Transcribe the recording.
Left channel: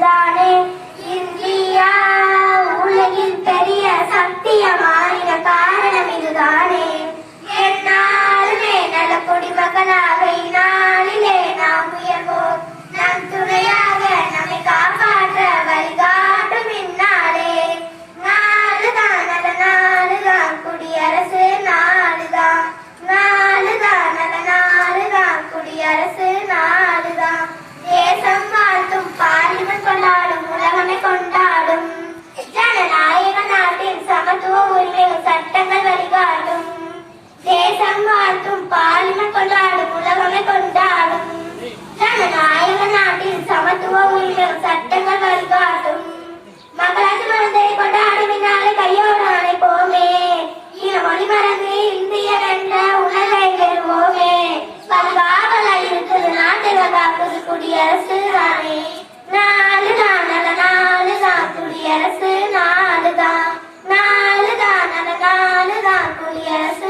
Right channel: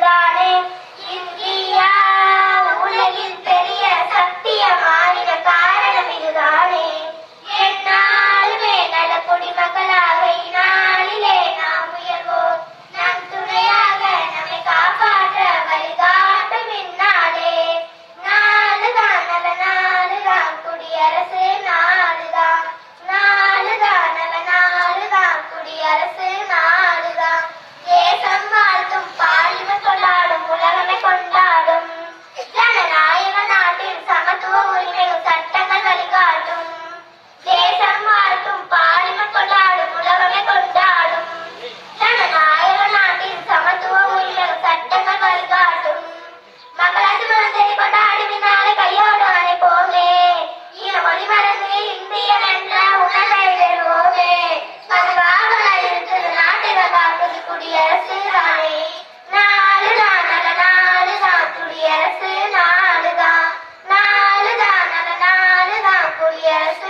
அதுதானே இந்தியா உலகில் பெரிய சக்திய மாறின காரணம் இதுதானே. என்னாலுமே நல குடிமகளாக சாத்துடைய அரசு தானே நாலு தான் நல்ல நாலு தான் குடியரசு நாலு தான் நாலு தான் நல்ல நாலு தான் குடியரசு